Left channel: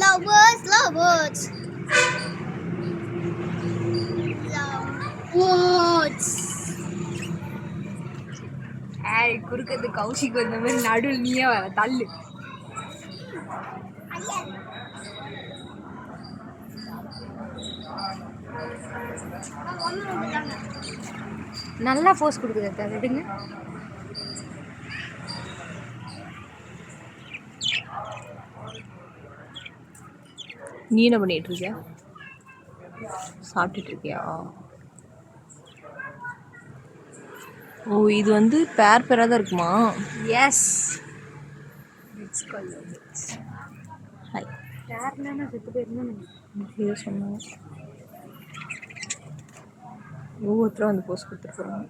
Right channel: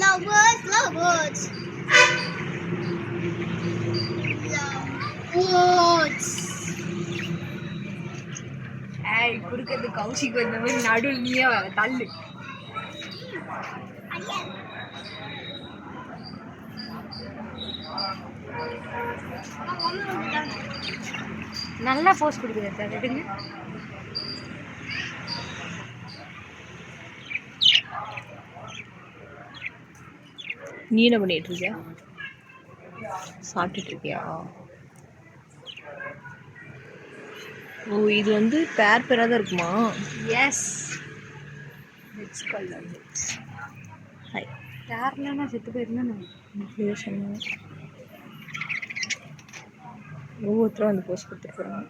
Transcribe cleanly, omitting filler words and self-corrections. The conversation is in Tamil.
Lovers, lovers. Lovers. ஏய் குறுக்கிறது கௌஷிக் வந்த மாதிரி நடுவில் நீயே தள்ளு. நல்லா போஸ் கொடுக்குது சார், எடுங்க. நீ என்ன பண்ணிட்டு இருக்கியா? சாப்பிட்டுட்டு இருக்கியா? ஓ, இது வந்து பேர் பேராக தான் இருக்குமா? Yes, it's called it's. Hi. பேர்ல நான் செத்து போயிருந்தேன். இதை சொன்னேன். ஒவ்வொருத்தரும் வந்து போஸ்ட் கொடுத்துட்டு போகிறாங்க.